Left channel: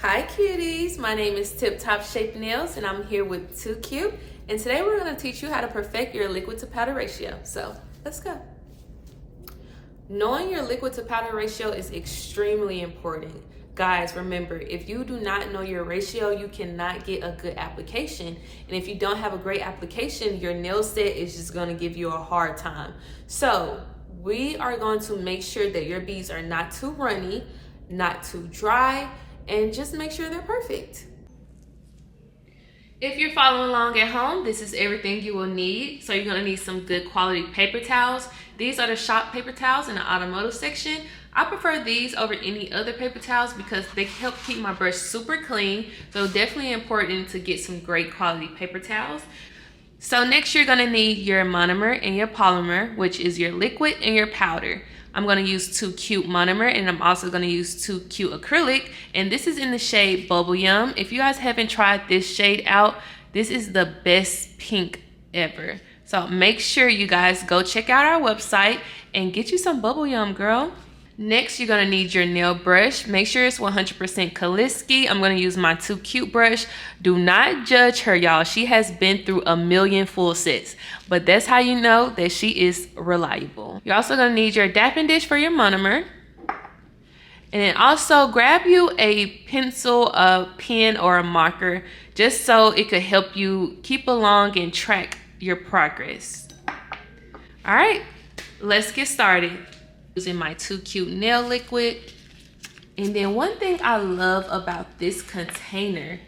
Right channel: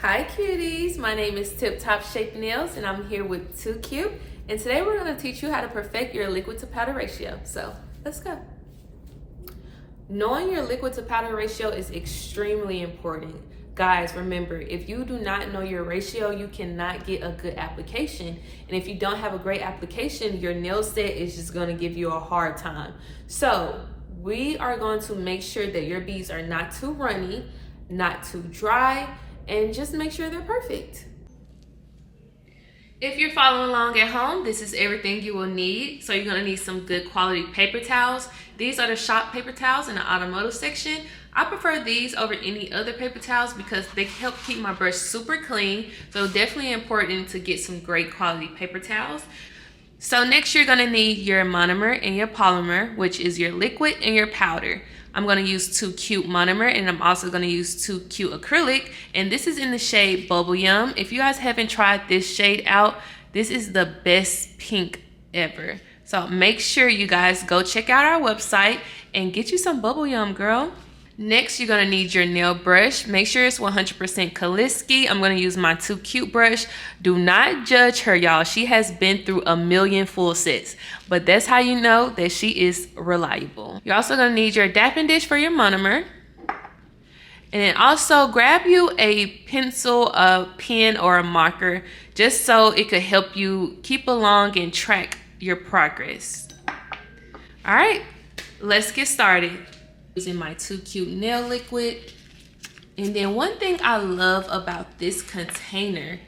Hi cuties, my name is 𝚙𝚘𝚍𝒐𝒘 and I'm here with 2CUTE, and today we're going to teach you how to perfect your liquid to powder ratio. So let's go. Knowing your liquid to powder ratio is extremely important. Guys, remember, if you do not know your ratio, you cannot get a good application. And if you don't have a great application, your nail set is just going to give you a hard time. So we are going to make sure that your beads are not too runny, not too dry, and just make sure they're perfect. If you're following along at home, this is everything you will need. So you're gonna need some good quality paper towels. These are the shop paper towels in the automotive section. I prefer these over any other paper towels because they help keep my brush super clean. So definitely important to get some great quality paper towels. So next you're gonna need your monomer and your polymer, which is your liquid and your powder. I'm going to use 2CUTE monomer, and I'm also going to use 2CUTE acrylic, and this is in the shade Bubble Yum. If you guys haven't tried this shade out, this is the best pink ever. So make sure you guys go check out our website and get you some Bubble Yum, girl. Next, you're going to need your nail brush. Make sure it's 100% 𝚙𝚘𝚍𝒐𝒘. I'm going to use my 2CUTE brush. Do not judge her, y'all. She has been through a million full sets, but that's how you know that she is reliable. You're also going to need your dapping dish for your monomer. And then also grab you a pencil, a pen, or a marker, just so it could help you keep along and track your progress. All right, let's get started. Using my 2CUTE nail liquid. And then one thing I love about this container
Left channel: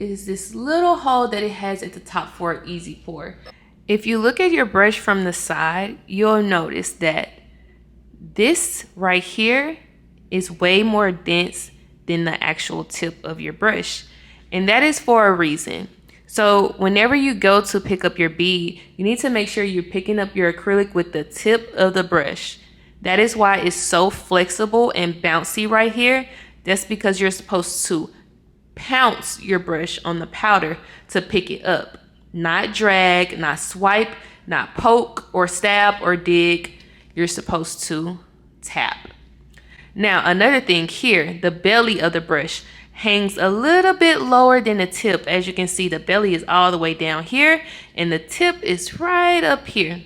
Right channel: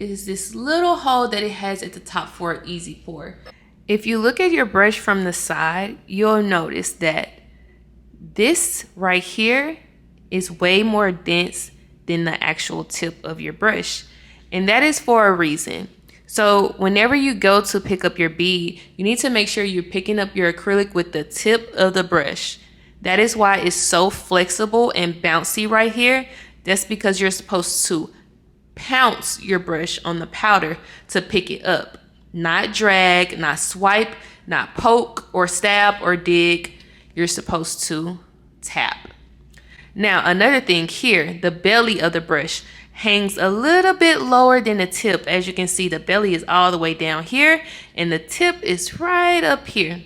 is this little hole that it has at the top for an easy pour. If you look at your brush from the side, you'll notice that this right here is way more dense than the actual tip of your brush. And that is for a reason. So whenever you go to pick up your bead, you need to make sure you're picking up your acrylic with the tip of the brush. That is why it's so flexible and bouncy right here. That's because you're supposed to pounce your brush on the powder to pick it up. Not drag, not swipe, not poke or stab or dig. You're supposed to tap. Now, another thing here, the belly of the brush hangs a little bit lower than the tip. As you can see, the belly is all the way down here and the tip is right up here.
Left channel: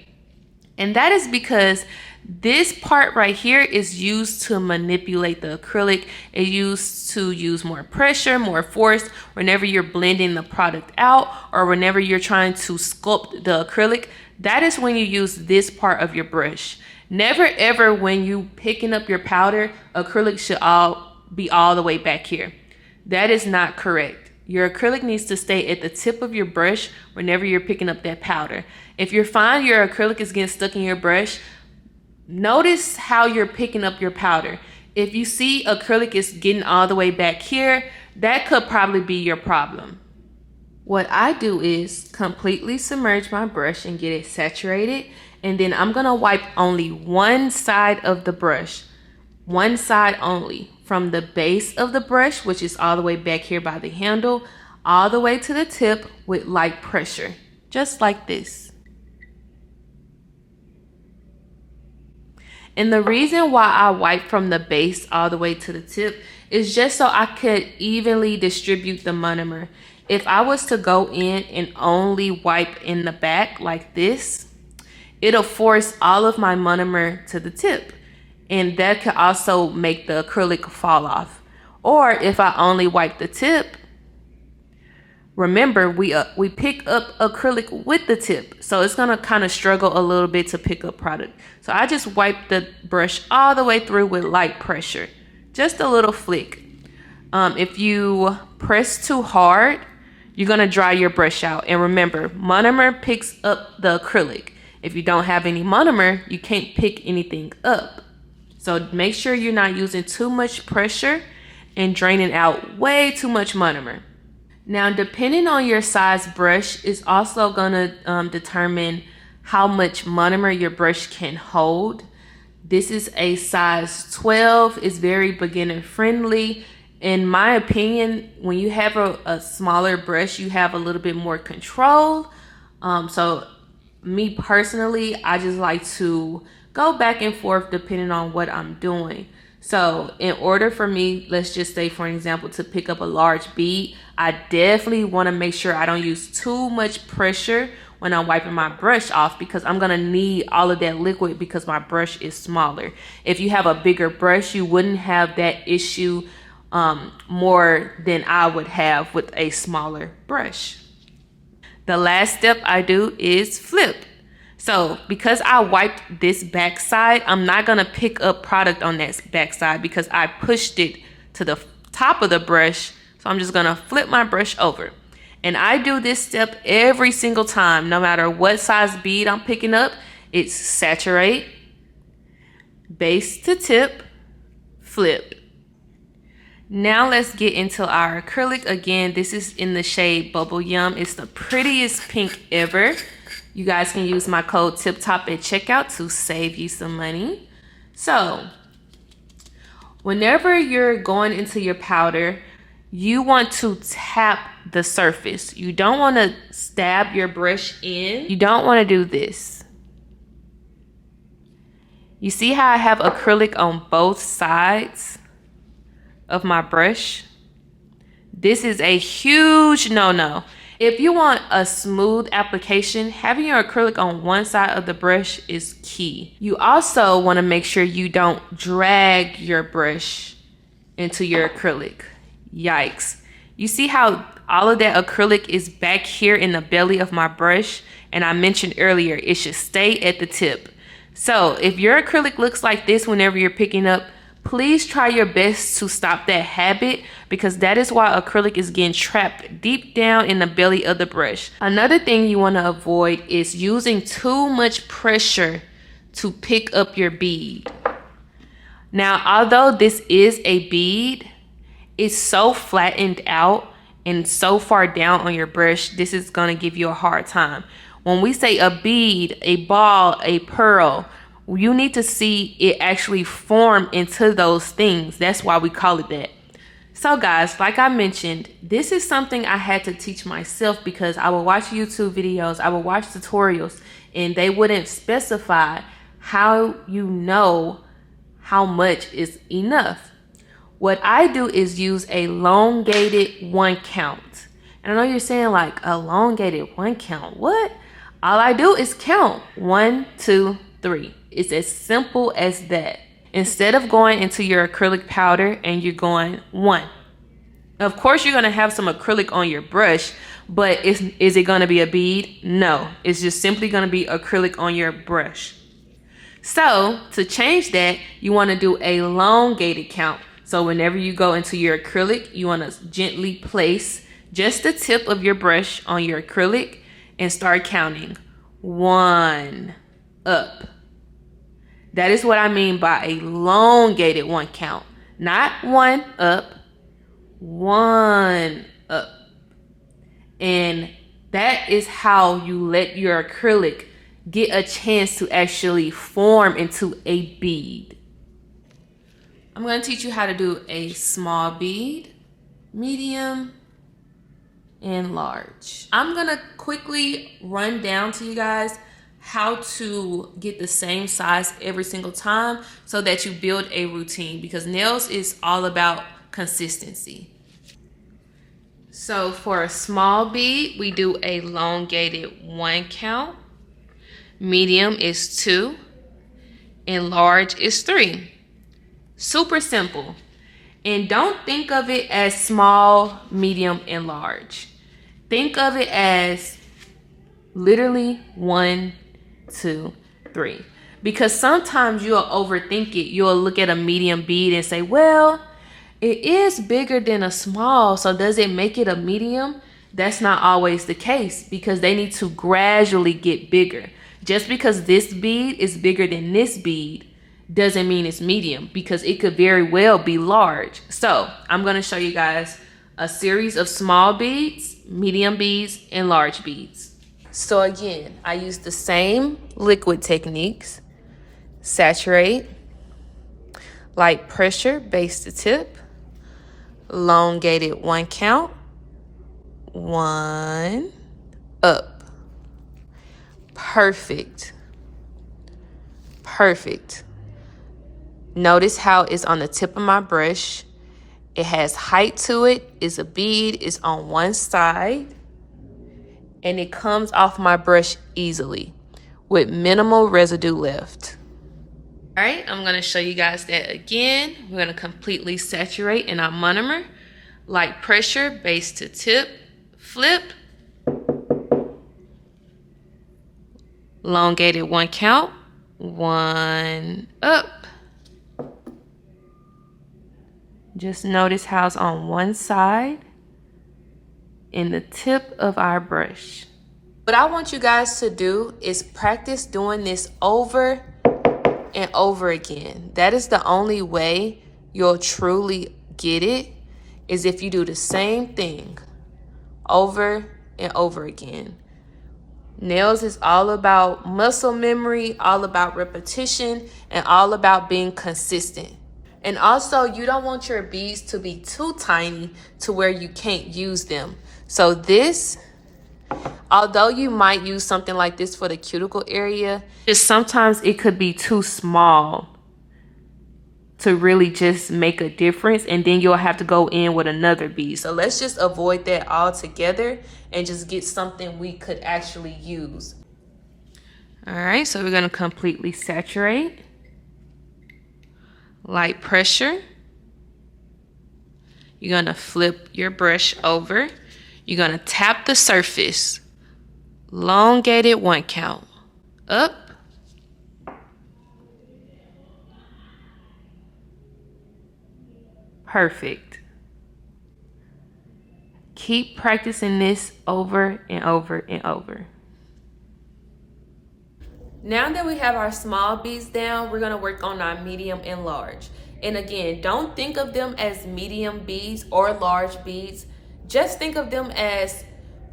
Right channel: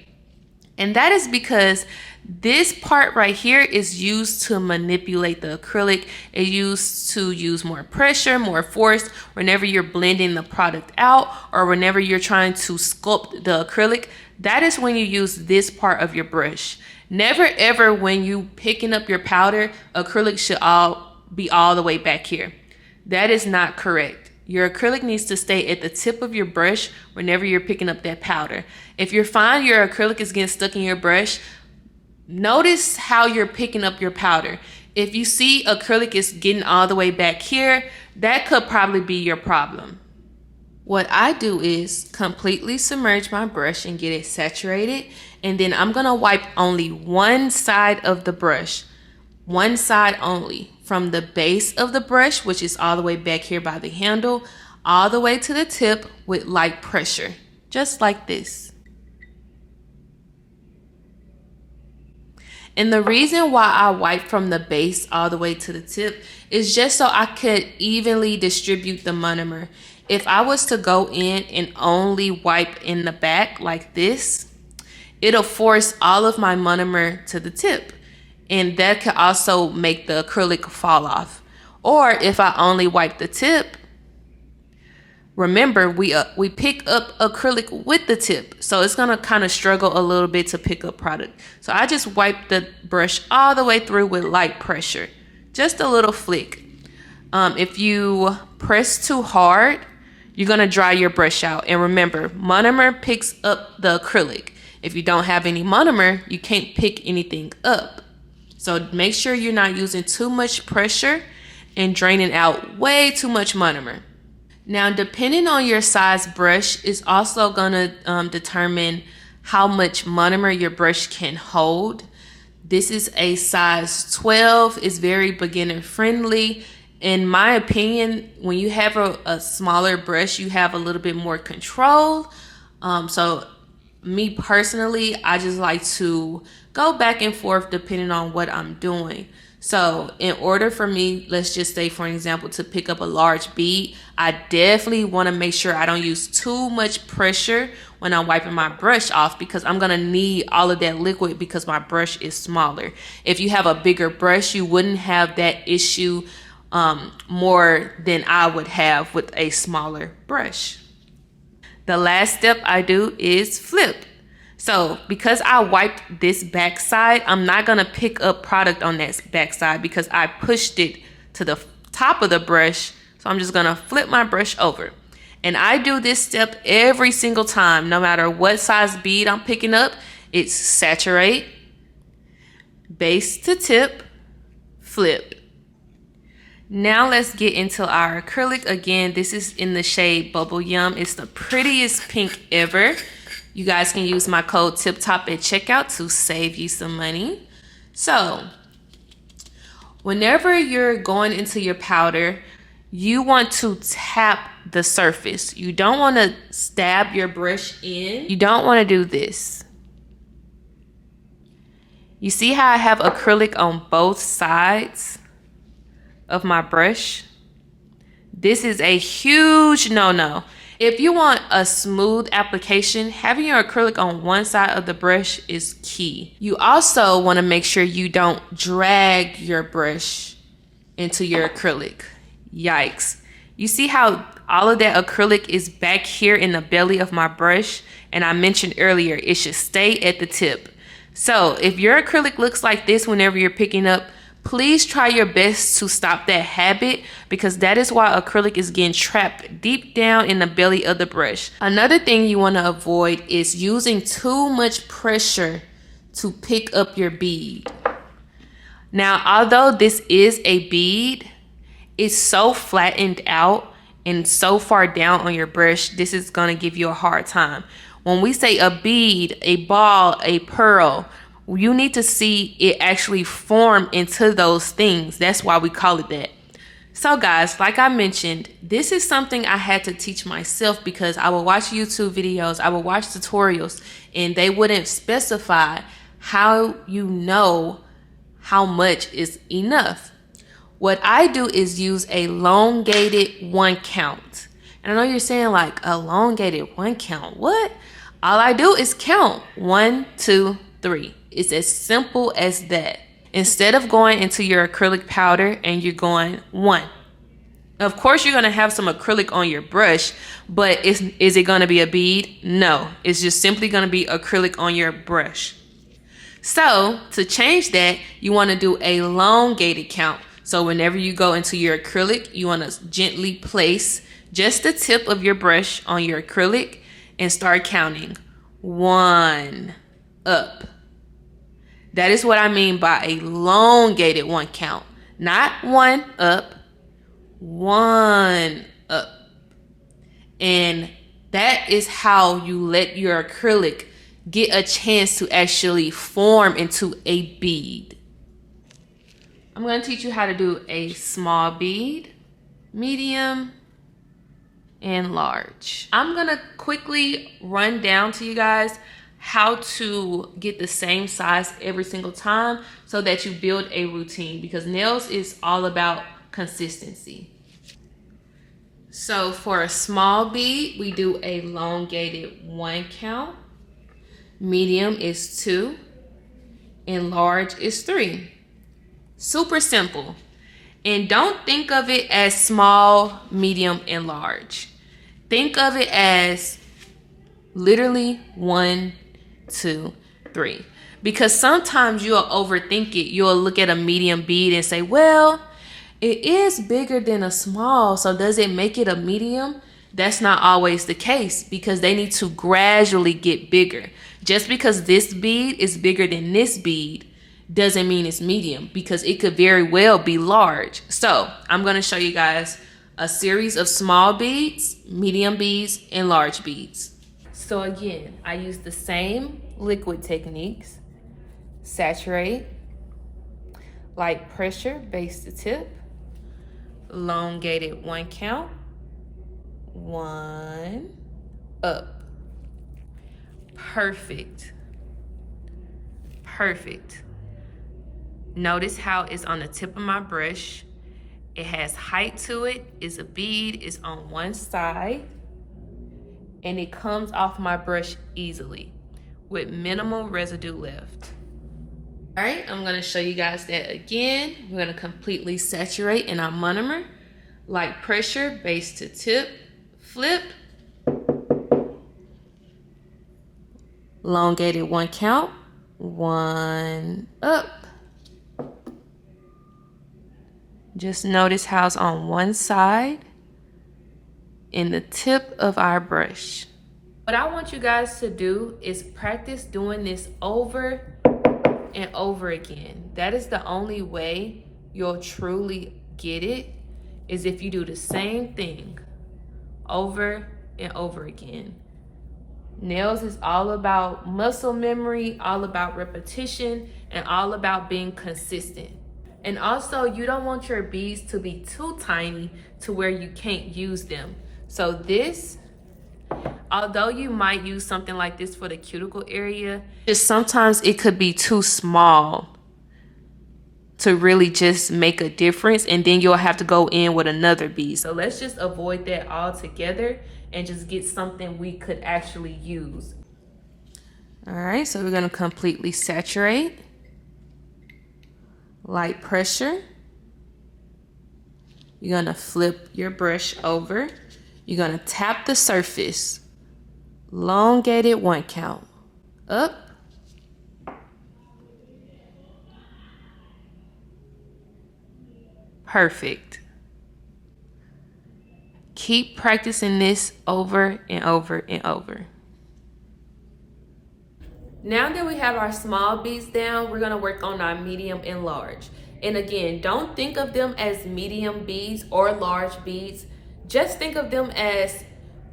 And that is because this part right here is used to manipulate the acrylic. It's used to use more pressure, more force whenever you're blending the product out or whenever you're trying to sculpt the acrylic. That is when you use this part of your brush. Never ever when you picking up your powder, acrylic should be all the way back here. That is not correct. Your acrylic needs to stay at the tip of your brush whenever you're picking up that powder. If you find your acrylic is getting stuck in your brush, notice how you're picking up your powder. If you see acrylic is getting all the way back here, that could probably be your problem. What I do is completely submerge my brush and get it saturated, and then I'm gonna wipe only one side of the brush. One side only, from the base of the brush, which is all the way back here by the handle, all the way to the tip with light pressure, just like this. And the reason why I wipe from the base all the way to the tip is just so I could evenly distribute the monomer. If I was to go in and only wipe in the back like this, it'll force all of my monomer to the tip. And that could also make the acrylic fall off. Or if I only wipe the tip, remember we pick up acrylic with the tip, so it's gonna kind of struggle a little bit to pick up product. So I just wipe the brush all the way through with light pressure, just a little flick. If you press too hard, you're gonna dry your brush out. And remember, monomer picks up the acrylic. If you don't have any monomer, you can't pick anything up. So make sure you're not using too much pressure and draining out way too much monomer. Now, depending on your size brush is also gonna determine how much monomer your brush can hold. This is a size 12. It's very beginner friendly. In my opinion, when you have a smaller brush, you have a little bit more control. So me personally, I just like to go back and forth depending on what I'm doing. So in order for me, let's just say for example, to pick up a large bead, I definitely want to make sure I don't use too much pressure when I'm wiping my brush off, because I'm gonna need all of that liquid because my brush is smaller. If you have a bigger brush, you wouldn't have that issue more than I would have with a smaller brush. The last step I do is flip. So because I wiped this back side, I'm not gonna pick up product on that back side because I pushed it to the top of the brush. So I'm just gonna flip my brush over. And I do this step every single time, no matter what size bead I'm picking up. It's saturate, base to tip, flip. Now let's get into our acrylic. Again, this is in the shade Bubble Yum. It's the prettiest pink ever. You guys can use my code TIPTOP at checkout to save you some money. So whenever you're going into your powder, you want to tap the surface. You don't want to stab your brush in. You don't want to do this. You see how I have acrylic on both sides of my brush? This is a huge no-no. If you want a smooth application, having your acrylic on one side of the brush is key. You also want to make sure you don't drag your brush into your acrylic. Yikes. You see how all of that acrylic is back here in the belly of my brush? And I mentioned earlier, it should stay at the tip. So if your acrylic looks like this whenever you're picking up, please try your best to stop that habit, because that is why acrylic is getting trapped deep down in the belly of the brush. Another thing you want to avoid is using too much pressure to pick up your bead. Now, although this is a bead, it's so flattened out and so far down on your brush, this is going to give you a hard time. When we say a bead, a ball, a pearl, you need to see it actually form into those things. That's why we call it that. So guys, like I mentioned, this is something I had to teach myself, because I would watch YouTube videos, I would watch tutorials, and they wouldn't specify how you know how much is enough. What I do is use a elongated 1 count. And I know you're saying, like, elongated 1 count, what? All I do is count 1, 2, 3. It's as simple as that. Instead of going into your acrylic powder and you're going 1. Of course, you're going to have some acrylic on your brush, but is it going to be a bead? No, it's just simply going to be acrylic on your brush. So to change that, you want to do a elongated count. So whenever you go into your acrylic, you want to gently place just the tip of your brush on your acrylic and start counting 1 up. That is what I mean by a elongated 1 count. Not 1 up, 1 up. And that is how you let your acrylic get a chance to actually form into a bead. I'm going to teach you how to do a small bead, medium, and large. I'm going to quickly run down to you guys how to get the same size every single time so that you build a routine, because nails is all about consistency. So for a small bead, we do a elongated 1 count, medium is 2, and large is 3. Super simple. And don't think of it as small, medium, and large. Think of it as literally 1, 2, 3. Because sometimes you'll overthink it. You'll look at a medium bead and say, well, it is bigger than a small, so does it make it a medium? That's not always the case, because they need to gradually get bigger. Just because this bead is bigger than this bead doesn't mean it's medium, because it could very well be large. So I'm going to show you guys a series of small beads, medium beads, and large beads. So again, I use the same liquid techniques: saturate, light pressure, base to tip, elongated 1 count, 1 up. Perfect. Perfect. Notice how it's on the tip of my brush. It has height to it. It's a bead. It's on one side. And it comes off my brush easily with minimal residue left. All right, I'm gonna show you guys that again. We're gonna completely saturate in our monomer. Light pressure, base to tip, flip. Elongated 1 count, 1 up. Just notice how it's on one side in the tip of our brush. What I want you guys to do is practice doing this over and over again. That is the only way you'll truly get it, is if you do the same thing over and over again. Nails is all about muscle memory, all about repetition, and all about being consistent. And also, you don't want your beads to be too tiny to where you can't use them. So this, although you might use something like this for the cuticle area, just sometimes it could be too small to really just make a difference, and then you'll have to go in with another bead. So let's just avoid that altogether and just get something we could actually use. All right, so we're gonna completely saturate. Light pressure. You're gonna flip your brush over. You're gonna tap the surface. Elongated 1 count. Up. Perfect. Keep practicing this over and over and over. Now that we have our small beads down, we're gonna work on our medium and large. And again, don't think of them as medium beads or large beads. Just think of them as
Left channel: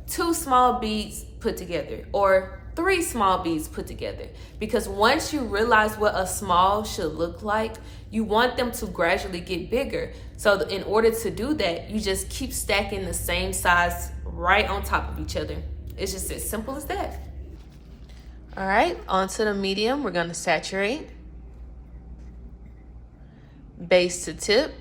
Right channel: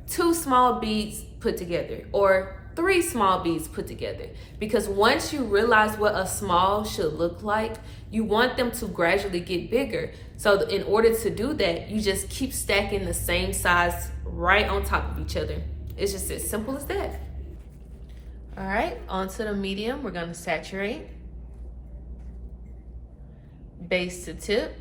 2 small beads put together or 3 small beads put together. Because once you realize what a small should look like, you want them to gradually get bigger. So in order to do that, you just keep stacking the same size right on top of each other. It's just as simple as that. All right, onto the medium, we're gonna saturate. Base to tip.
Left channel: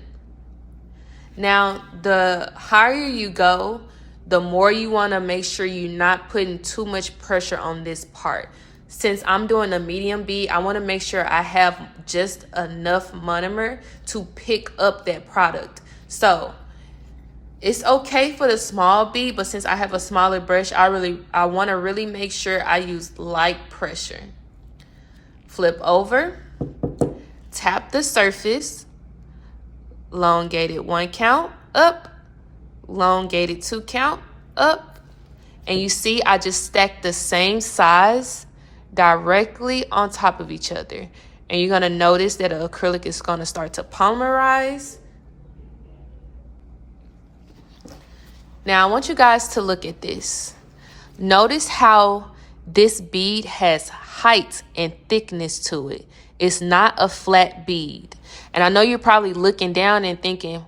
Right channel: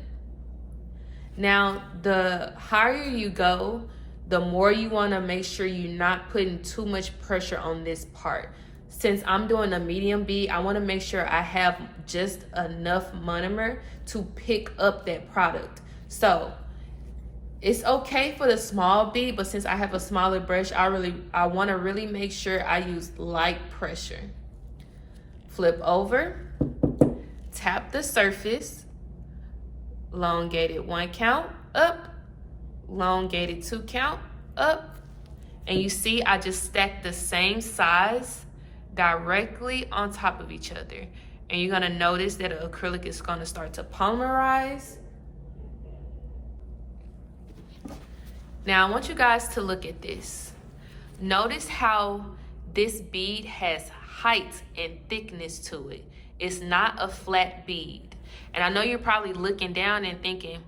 Now, the higher you go, the more you wanna make sure you're not putting too much pressure on this part. Since I'm doing a medium bead, I wanna make sure I have just enough monomer to pick up that product. So, it's okay for the small bead, but since I have a smaller brush, I wanna really make sure I use light pressure. Flip over, tap the surface, elongated 1 count, up, elongated 2 count, up. And you see, I just stacked the same size directly on top of each other. And you're gonna notice that the acrylic is gonna start to polymerize. Now I want you guys to look at this. Notice how this bead has height and thickness to it. It's not a flat bead. And I know you're probably looking down and thinking,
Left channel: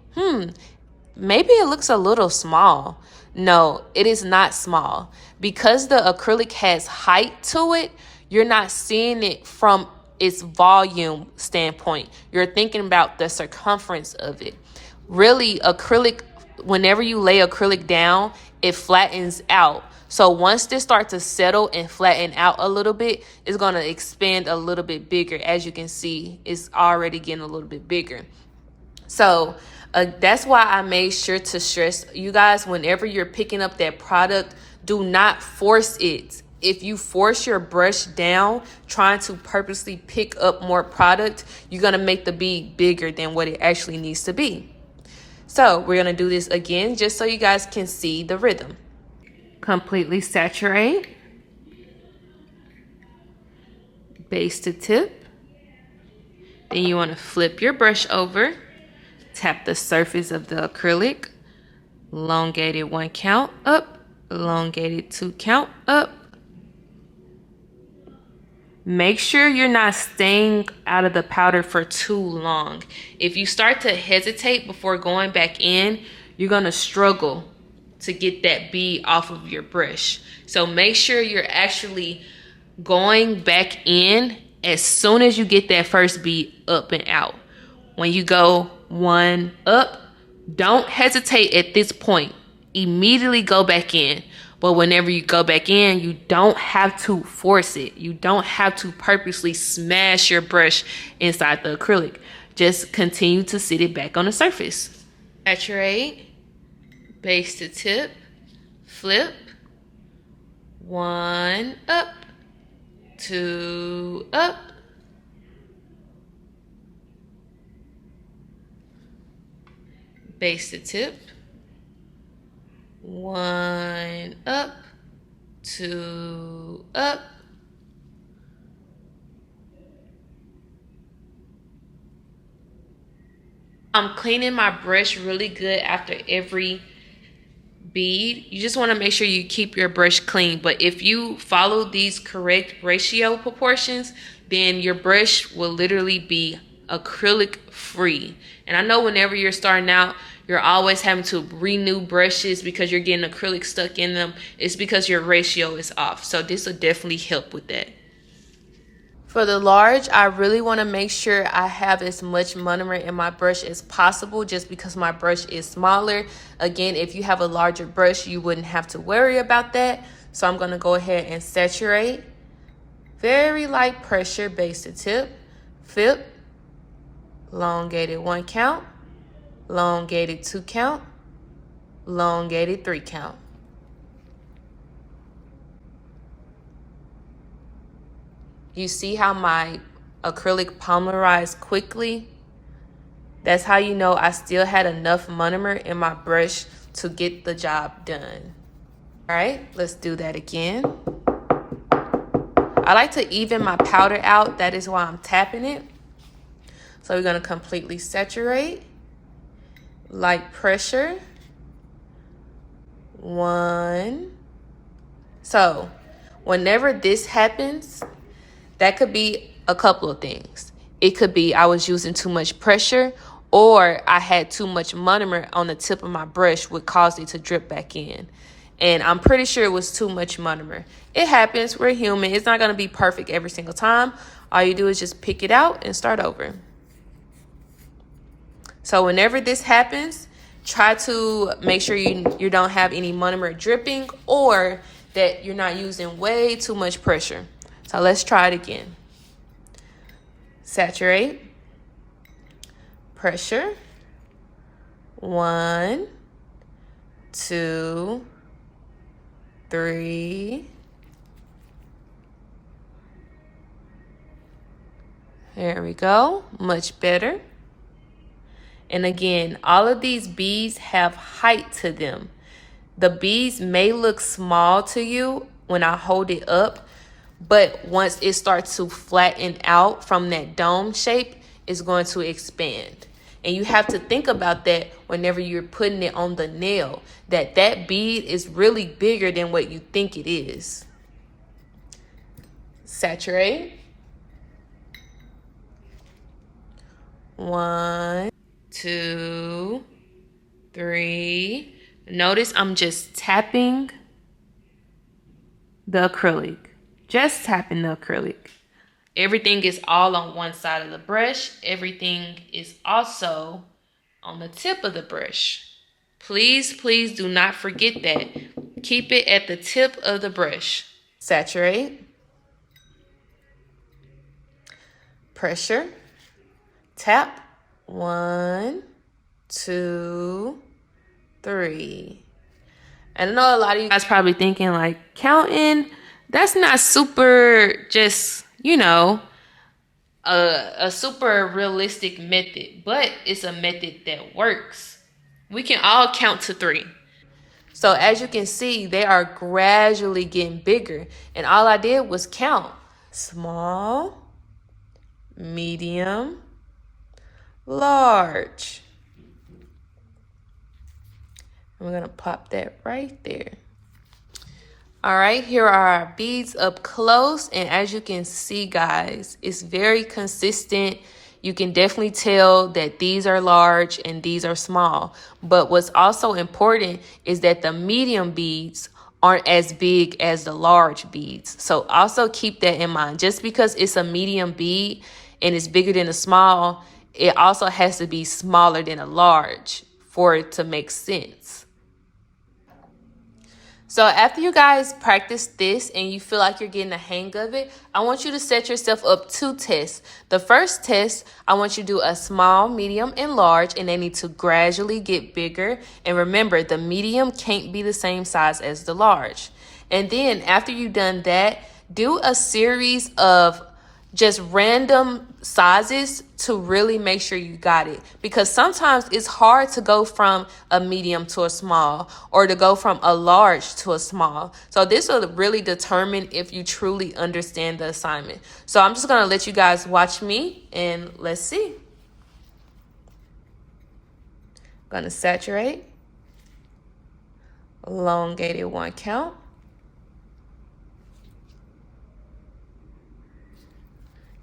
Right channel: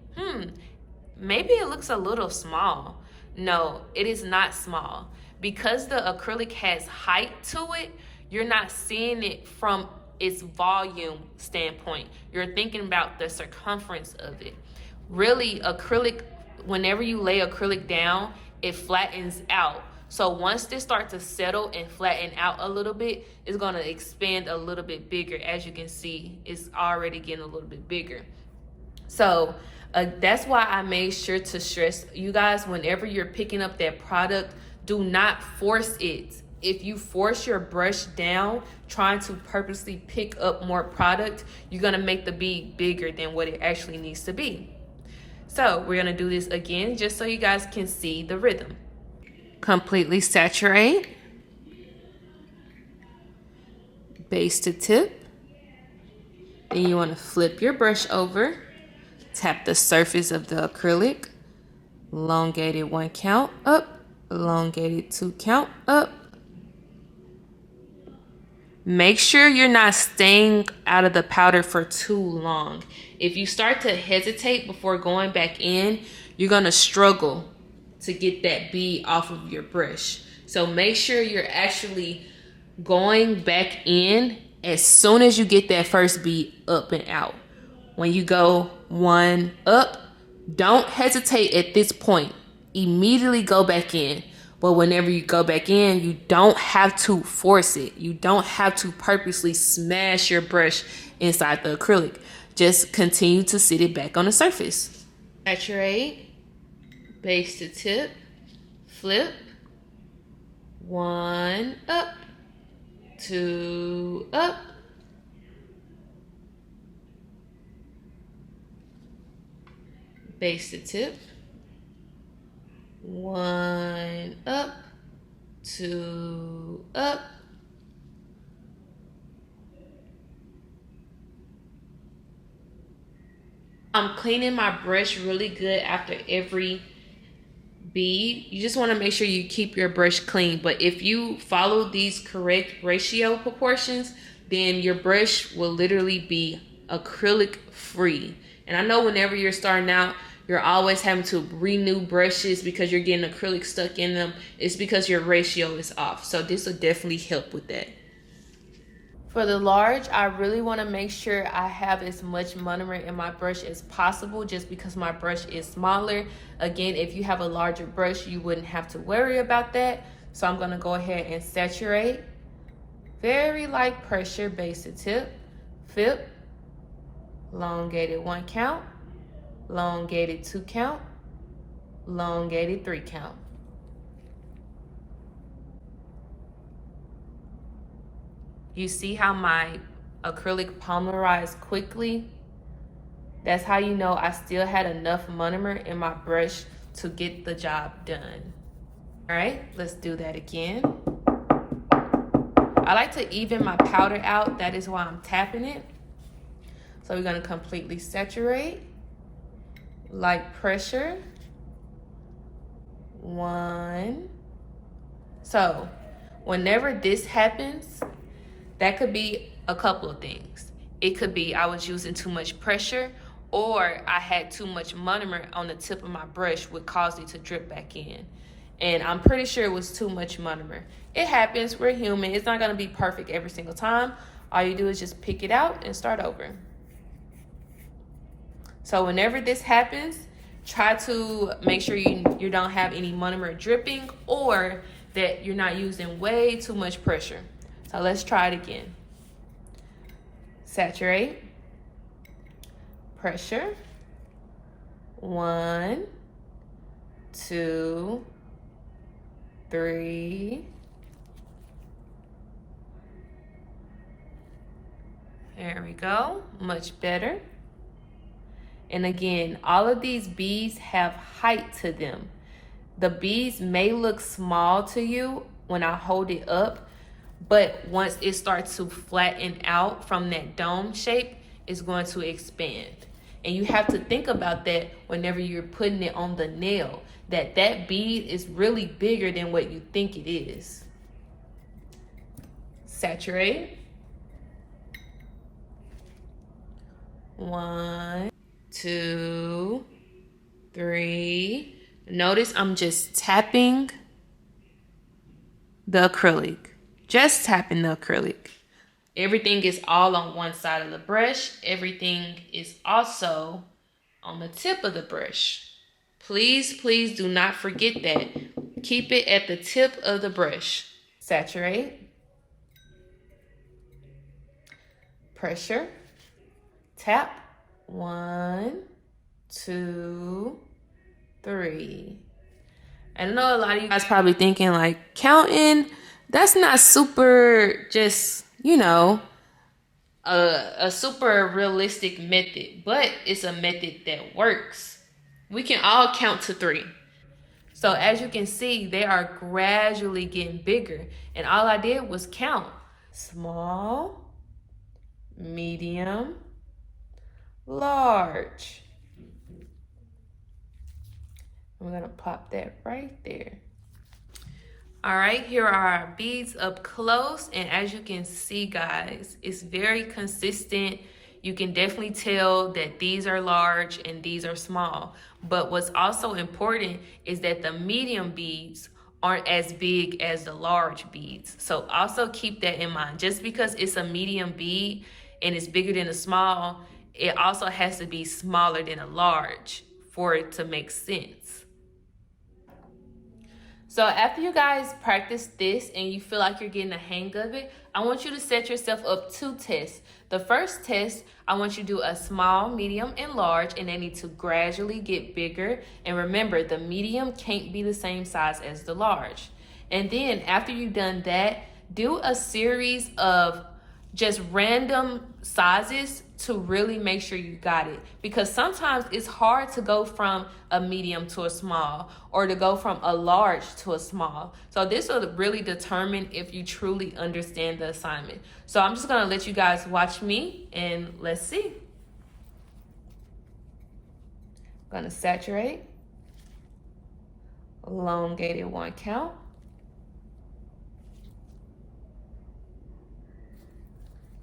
maybe it looks a little small. No, it is not small. Because the acrylic has height to it, you're not seeing it from its volume standpoint. You're thinking about the circumference of it. Really, acrylic, whenever you lay acrylic down, it flattens out. So once this starts to settle and flatten out a little bit, it's gonna expand a little bit bigger. As you can see, it's already getting a little bit bigger. So that's why I made sure to stress you guys, whenever you're picking up that product, do not force it. If you force your brush down, trying to purposely pick up more product, you're gonna make the bead bigger than what it actually needs to be. So we're gonna do this again, just so you guys can see the rhythm. Completely saturate. Base to tip. Then you wanna flip your brush over, tap the surface of the acrylic, elongated 1 count, up, elongated 2 count, up. Make sure you're not staying out of the powder for too long. If you start to hesitate before going back in, you're gonna struggle to get that bead off of your brush. So make sure you're actually going back in as soon as you get that first bead up and out. When you go 1 up, don't hesitate at this point. Immediately go back in. But whenever you go back in, you don't have to force it. You don't have to purposely smash your brush inside the acrylic. Just continue to sit it back on the surface. Saturate, base to tip, flip, 1 up, 2 up, base to tip, 1 up, 2 up, I'm cleaning my brush really good after every bead. You just want to make sure you keep your brush clean. But if you follow these correct ratio proportions, then your brush will literally be acrylic free. And I know whenever you're starting out, you're always having to renew brushes because you're getting acrylic stuck in them. It's because your ratio is off. So this will definitely help with that. For the large, I really want to make sure I have as much monomer in my brush as possible just because my brush is smaller. Again, if you have a larger brush, you wouldn't have to worry about that. So I'm going to go ahead and saturate. Very light pressure, base to tip, flip, elongated 1 count, elongated 2 count, elongated 3 count. You see how my acrylic polymerized quickly? That's how you know I still had enough monomer in my brush to get the job done. All right, let's do that again. I like to even my powder out. That is why I'm tapping it. So we're gonna completely saturate, light pressure, 1. So whenever this happens, that could be a couple of things. It could be I was using too much pressure, or I had too much monomer on the tip of my brush, which caused it to drip back in. And I'm pretty sure it was too much monomer. It happens, we're human. It's not gonna be perfect every single time. All you do is just pick it out and start over. So whenever this happens, try to make sure you don't have any monomer dripping or that you're not using way too much pressure. So let's try it again. Saturate, pressure, 1, 2, 3. There we go, much better. And again, all of these beads have height to them. The beads may look small to you when I hold it up, but once it starts to flatten out from that dome shape, it's going to expand. And you have to think about that whenever you're putting it on the nail, that bead is really bigger than what you think it is. Saturate. 1, 2, 3. Notice I'm just tapping the acrylic. Just tapping the acrylic. Everything is all on one side of the brush. Everything is also on the tip of the brush. Please, please do not forget that. Keep it at the tip of the brush. Saturate. Pressure. Tap. 1, 2, 3. And I know a lot of you guys probably thinking like, counting, that's not super just, you know, a super realistic method, but it's a method that works. We can all count to 3. So as you can see, they are gradually getting bigger. And all I did was count. Small, medium, large. We're gonna pop that right there. All right, here are our beads up close. And as you can see, guys, it's very consistent. You can definitely tell that these are large and these are small. But what's also important is that the medium beads aren't as big as the large beads. So also keep that in mind. Just because it's a medium bead and it's bigger than a small, it also has to be smaller than a large for it to make sense. So after you guys practice this and you feel like you're getting the hang of it, I want you to set yourself up 2 tests. The first test, I want you to do a small, medium, and large, and they need to gradually get bigger. And remember, the medium can't be the same size as the large. And then after you've done that, do a series of just random sizes to really make sure you got it, because sometimes it's hard to go from a medium to a small or to go from a large to a small. So this will really determine if you truly understand the assignment. So I'm just gonna let you guys watch me and let's see. I'm gonna saturate, elongated 1 count,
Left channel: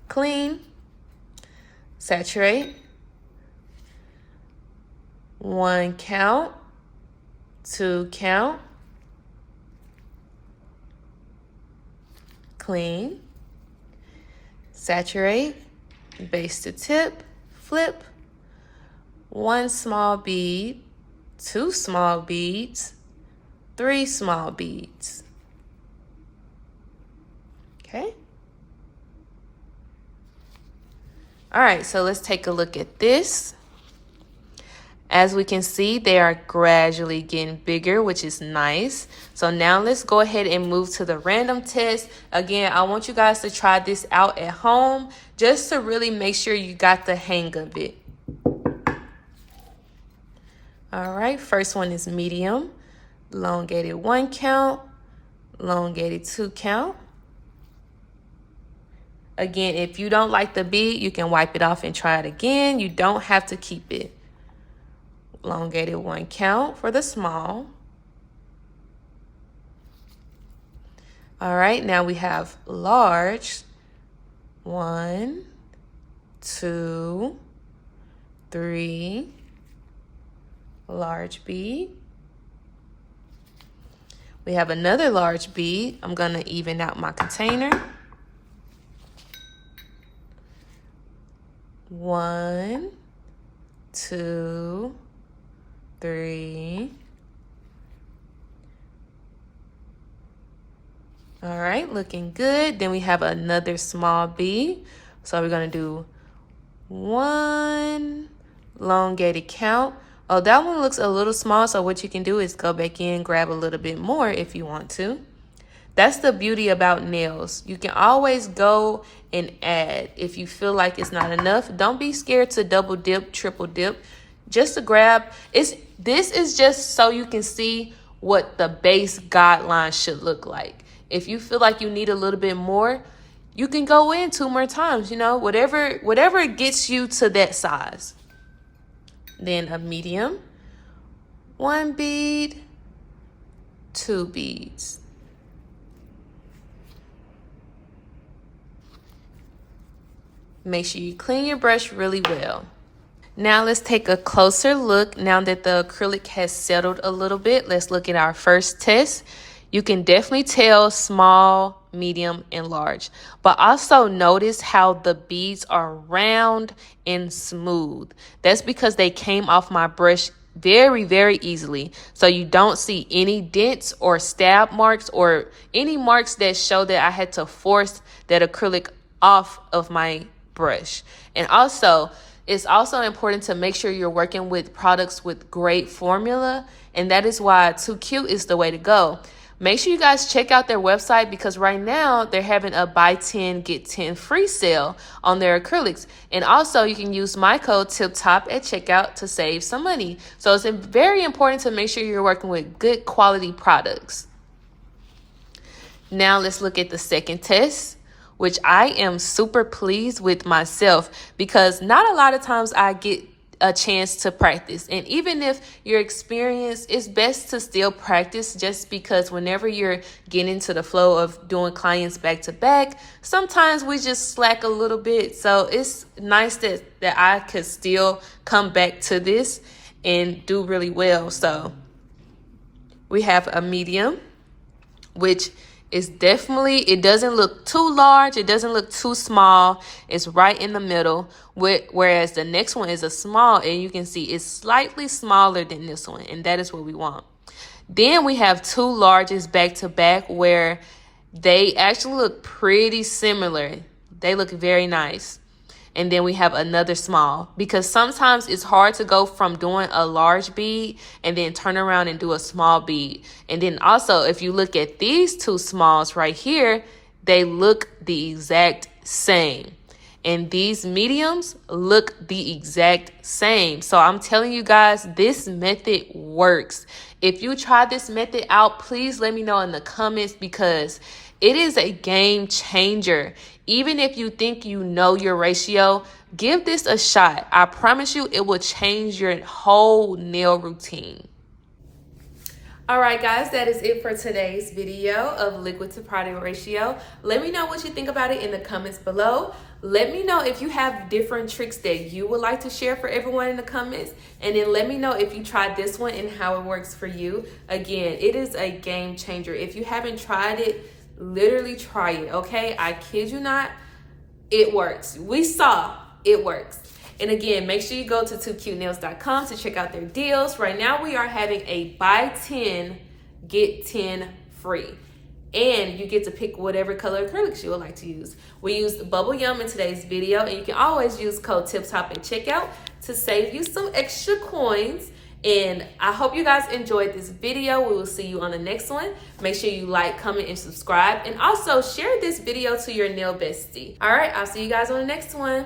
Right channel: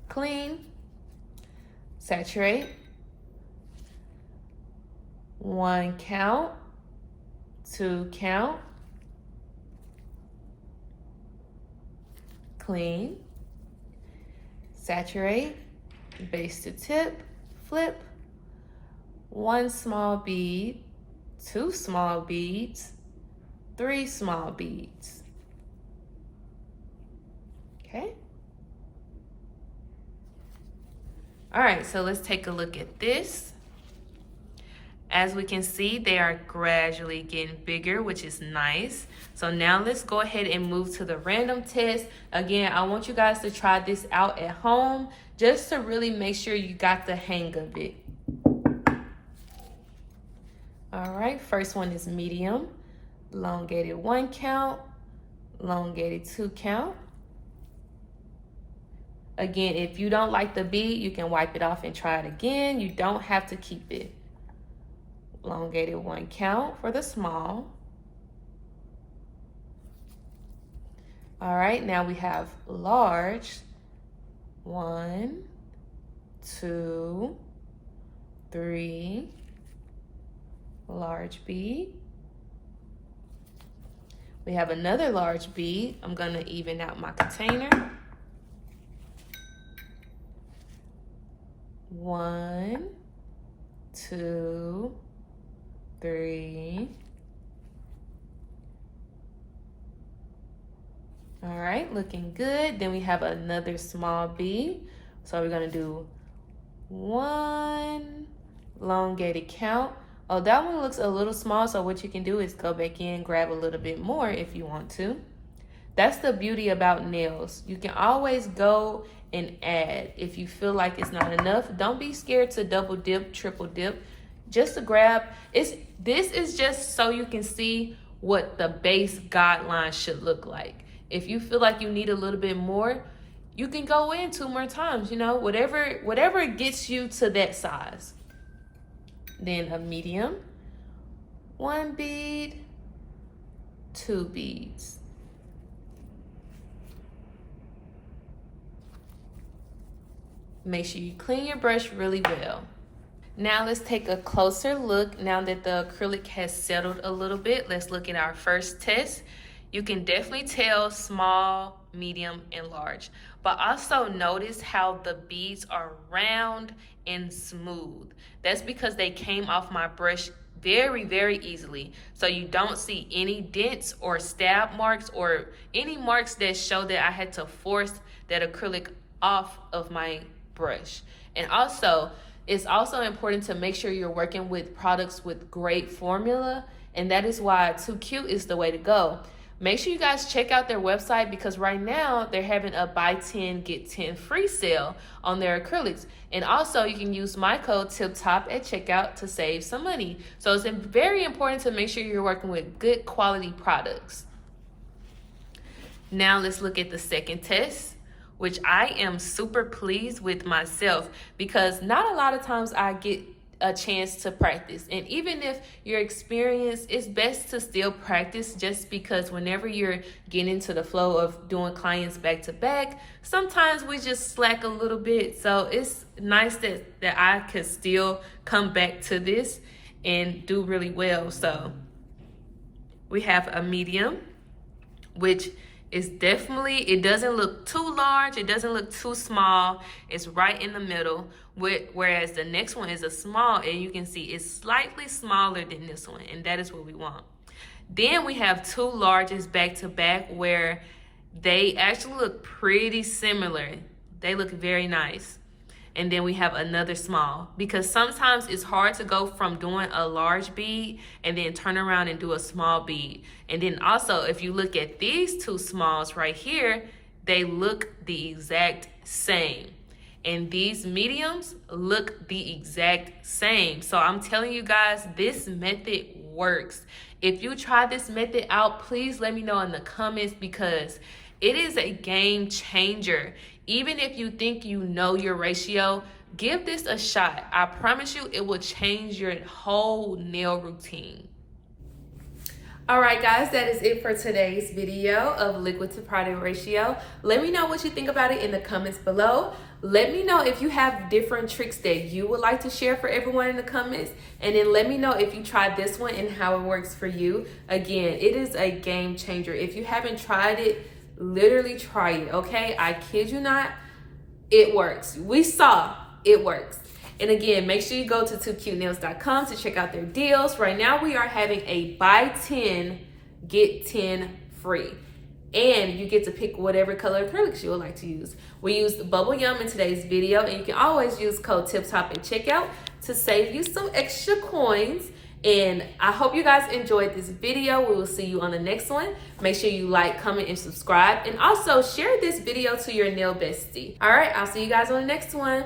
clean, saturate, 1 count, 2 count, clean, saturate, base to tip, flip, 1 small bead, 2 small beads, 3 small beads. Okay. All right, so let's take a look at this. As we can see, they are gradually getting bigger, which is nice. So now let's go ahead and move to the random test. Again, I want you guys to try this out at home just to really make sure you got the hang of it. All right, first one is medium, elongated 1 count, elongated 2 count. Again, if you don't like the bead, you can wipe it off and try it again. You don't have to keep it. Elongated 1 count for the small. All right, now we have large. 1, 2, 3. Large bead. We have another large bead. I'm gonna even out my container. 1, 2, 3. All right, looking good. Then we have another small bead. So we're gonna do 1 elongated count. Oh, that one looks a little small, so what you can do is go back in, grab a little bit more if you want to. That's the beauty about nails. You can always go and add if you feel like it's not enough. Don't be scared to double dip, triple dip. Just to grab, this is just so you can see what the base guideline should look like. If you feel like you need a little bit more, you can go in 2 more times, you know, whatever gets you to that size. Then a medium, 1 bead, 2 beads. Make sure you clean your brush really well. Now let's take a closer look. Now that the acrylic has settled a little bit, let's look at our first test. You can definitely tell small, medium, and large. But also notice how the beads are round and smooth. That's because they came off my brush very, very easily. So you don't see any dents or stab marks or any marks that show that I had to force that acrylic off of my brush. And also, it's also important to make sure you're working with products with great formula, and that is why 2Cute is the way to go. Make sure you guys check out their website, because right now they're having a buy 10 get 10 free sale on their acrylics. And also you can use my code TIPTOP at checkout to save some money. So it's very important to make sure you're working with good quality products. Now let's look at the second test, which I am super pleased with myself, because not a lot of times I get a chance to practice. And even if you're experienced, it's best to still practice, just because whenever you're getting into the flow of doing clients back to back, sometimes we just slack a little bit. So it's nice that I could still come back to this and do really well. So we have a medium, which It's definitely, it doesn't look too large, it doesn't look too small. It's right in the middle, whereas the next one is a small, and you can see it's slightly smaller than this one, and that is what we want. Then we have two larges back to back where they actually look pretty similar. They look very nice. And then we have another small, because sometimes it's hard to go from doing a large bead and then turn around and do a small bead. And then also, if you look at these two smalls right here, they look the exact same. And these mediums look the exact same. So I'm telling you guys, this method works. If you try this method out, please let me know in the comments, because it is a game changer. Even if you think you know your ratio, give this a shot. I promise you it will change your whole nail routine. All right, guys, that is it for today's video of liquid to product ratio. Let me know what you think about it in the comments below. Let me know if you have different tricks that you would like to share for everyone in the comments. And then let me know if you tried this one and how it works for you. Again, it is a game changer. If you haven't tried it, literally try it, okay? I kid you not, it works. We saw it works. And again, make sure you go to 2CUTENAILS.com to check out their deals. Right now, we are having a buy 10, get 10 free. And you get to pick whatever color acrylics you would like to use. We used Bubble Yum in today's video, and you can always use code TIPTOP at checkout to save you some extra coins. And I hope you guys enjoyed this video. We will see you on the next one. Make sure you like, comment, and subscribe. And also share this video to your nail bestie. All right, I'll see you guys on the next one.